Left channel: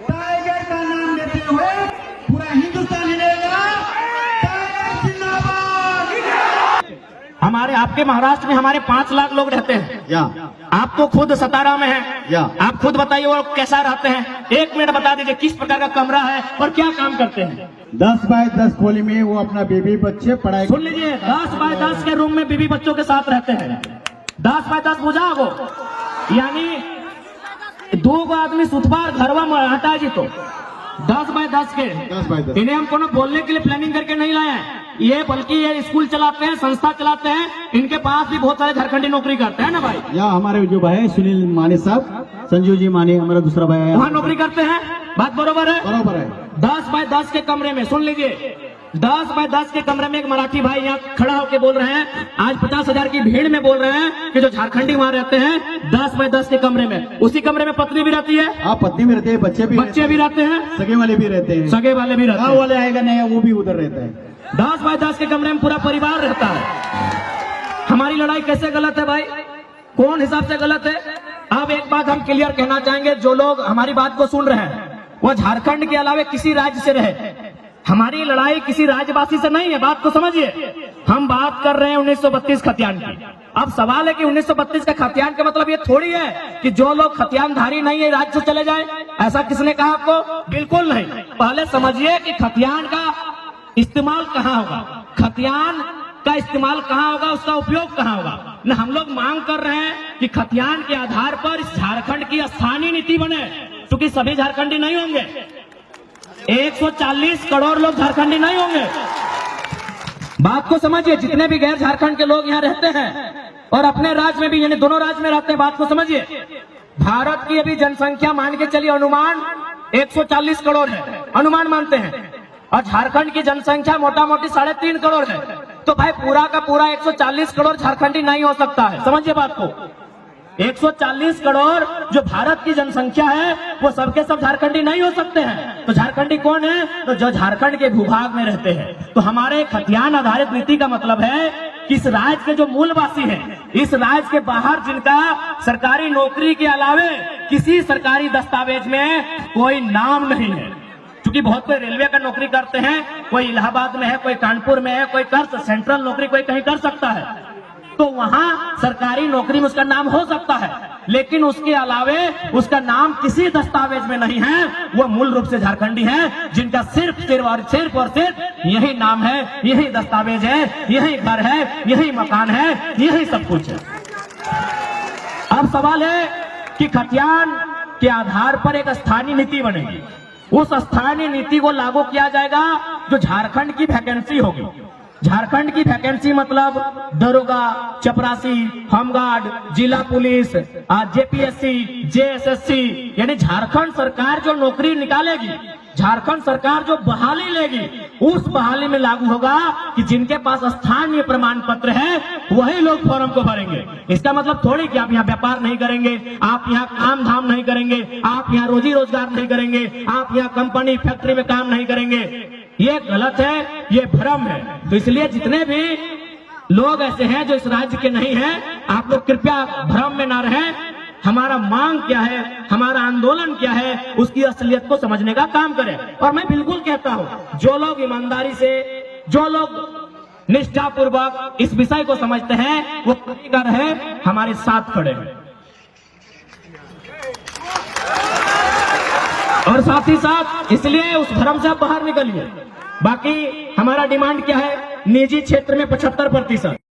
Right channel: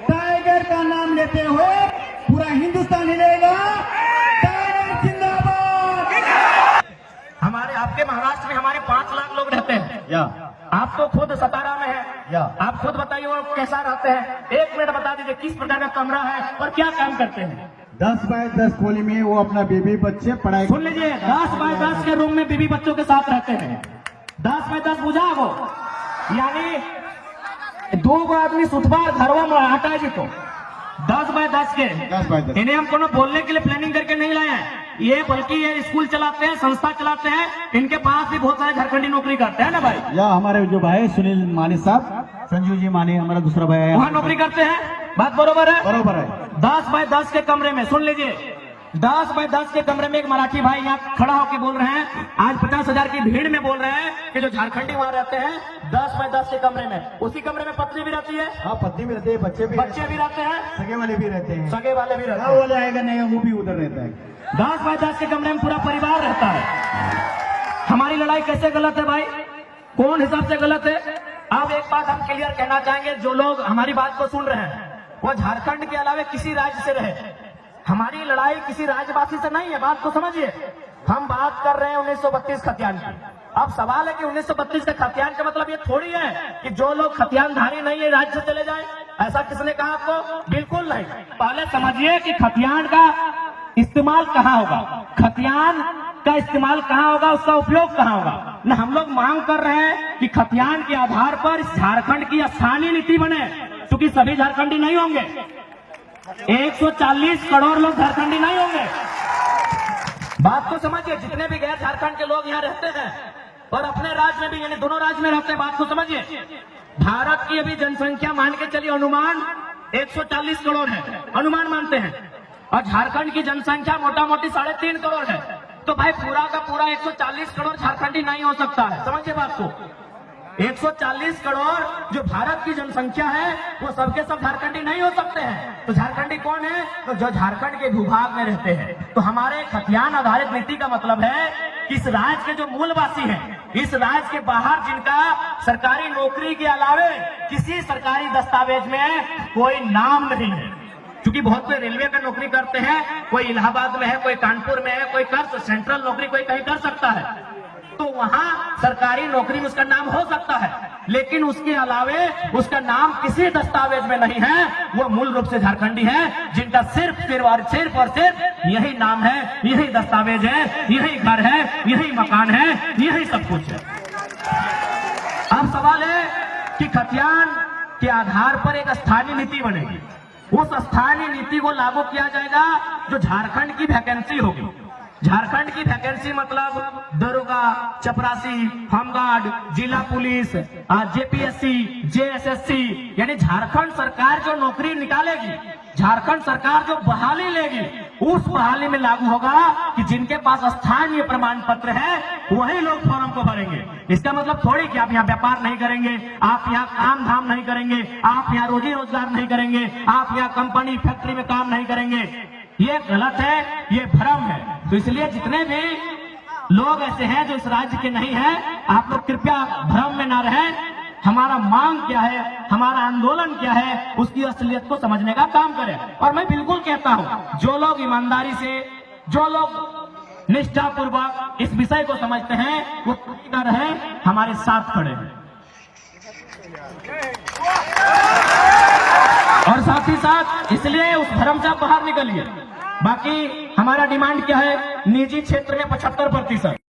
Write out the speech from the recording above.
Tiger का नाम लेते हुए पूरा हिंदुस्तान हिलेगा। टाइगर जिंदाबाद। हमारे आपके महाराष्ट्र में हमारे 5 लाख लोग रहते हैं। या आप तो खुद सतारा में हैं। या आप खुद बताइए वो कैसा रहते हैं। 1 मिनट बता दीजिए किस प्रकार का कमरा है और क्या काम करते हैं। 10 बाय 10 खोली में वो अपना बीबी बच्चे पढ़ाई। सुन लीजिए, 10 बाय 10 के रूम में बीवी बच्चों के साथ रहते हैं। 10 बाय 10 बुझा वो, यानी 2 आदमी सुतबार घरवा में हटा जी तो 10 बाय 10 के 10 बाय 10। इन्हें हम कोनो बोलने के लिए प्लानिंग करके नहीं लाए हैं। ये बल्कि ये स्कूल चलाते हैं, संस्था चलाते हैं। इनके पास भी बहुत सारे झारखंडी नौकरी करते हैं ना भाई। या हमारे जो भाई सुनील माने साहब, संजू जी माने हमारा दूसरा भाई है, वहाँ नौकरी करते हैं। बात बरोबर है? बरोबर है। 10 बाय 10 के कमरे में सुन लीजिए, 10 बाय 10 के कमरे में एक मराठी भाई यहाँ खड़ा होकर बोल रहे हैं, आज 50,000 की भीड़ में बोल रहे हैं कि जो झारखंडी वहाँ रहते हैं 10 बाय 10 के कमरे में, उसी कमरे में पत्नी भी रहती है। हाँ, पत्नी भी रहती है, बच्चे भी रहते हैं, सगे वाले भी रहते हैं, सगे वाले भी रहते गाँव हैं। वाले आएगा नहीं वो भी उधर रहता है। 10 बाय 10 के कमरे में पूरा परिवार रहता है। हमारी लड़ाई कैसे गलत है भाई? कौन हिसाब से गलत है? अब एक बात हम क्लियर कहना चाहेंगे, जो लोग हमारी बात को सुन रहे हैं वह झारखंड के अलावा किसी राज्य से रहे। हमारी लड़ाई किसी राज्यवासी से नहीं है, बात को समझिए। हम बात कर रहे हैं 1932 खतियान की। अब सवाल है कि 1932 का खतियान का मतलब ये थोड़ी है कि जो लोग खतियानधारी नहीं है राज्य से चले जाए। ऐसा किसने कहा आपको? बिल्कुल नहीं। पहले समझिए कि खतियान का इस्तेमाल कहाँ होगा, खतियान का इस्तेमाल कहाँ होगा, उसका उपयोग कहाँ होगा। न हम लोग मांग कर रहे हैं कि खतियान के आधार पर झारखंड की स्थानीय नीति बने, क्योंकि सभी झारखंडी नहीं होंगे। 140 करोड़ लोग झारखंडी नहीं होंगे। बात को समझिए, जितने भी गैर झारखंड के लोग यहाँ रहते हैं और अपने राज्य में भी, यानी दोनों राज्य में रहते हैं, बात को समझिए। भारत की अभी जनसंख्या मान के चलिए अनुमान 140 करोड़ है, अनुमान मानते हैं, और झारखंड की जनसंख्या मोटा मोटी 3.5 करोड़ है। तो भाई पूरा का पूरा 140 करोड़ झारखंडी नहीं हो सकता है। समझिए बात को, 140 करोड़ जो भारत की जनसंख्या है वो सबके सब झारखंडी नहीं हो सकते हैं। तो झारखंडी कौन है? तो जो झारखंड के भूभाग में रहते हैं। तो हमारे खतियान आधारित नीति का मतलब है कि इस राज्य के जो मूलवासी हैं, इस राज्य के बाहर जिनका सरकारी नौकरी के अलावे किसी सरकारी दस्तावेज में कोई नाम नहीं है, क्योंकि बहुत कोई रेलवे का नौकरी करते हैं, कोई इलाहाबाद में है, कोई कानपुर में है, कोई कर सेंट्रल नौकरी कोई कहीं कर सकता है, तो वहां सरकारी नौकरी में उसका नाम हो सकता है, लेकिन उसके अलावे उसका नाम किसी दस्तावेज में नहीं है। वो मूल रूप से झारखंडी है, जिनका सिर्फ यही नाम है, यही दस्तावेज है, यही घर है, यही मकान है, यही सब कुछ है। अब सवाल है कि खतियान के आधार पर एक स्थानीय नीति बनेगी। उस स्थानीय नीति को लागू किया जाएगा जो झारखंड की वैकेंसी होगी। झारखंड की वैकेंसी मतलब दरोगा, चपरासी, होमगार्ड, जिला पुलिस, जेपीएससी, जेएसएससी, यानी झारखंड सरकार जो नौकरी निकालेगी, झारखंड सरकार जो बहाली लेगी, उस बहाली में लागू होगा कि जिनके पास स्थानीय प्रमाण पत्र है वही लोग फॉर्म को भरेंगे। इसका मतलब थोड़ी कि आप यहाँ व्यापार नहीं करेंगे, आप यहाँ काम धाम नहीं करेंगे, आप यहाँ रोजी रोजगार नहीं करेंगे, आप यहाँ कंपनी फैक्ट्री में काम नहीं करेंगे। ये गलत है, ये भ्रम है। तो इसलिए जितने भी लोग ऐसे हैं जो इस राज्य के नहीं हैं, आप लोग कृपया भ्रम में ना रहें। हमारा मांग क्या है, हमारा आंदोलन क्या है, उसकी असलियत को समझने का काम करें। और मैं बिल्कुल कहता हूं, जो लोग ईमानदारी से, जो लोग निष्ठापूर्वक इस विषय को समझते हैं, वो कभी ना रहे, हमारे साथ खड़े हैं। और साथ ही साथ इसलिए उस भ्रम से आप बाहर निकलिए। बाकी हमारा डिमांड क्या है? निजी क्षेत्र में 75%।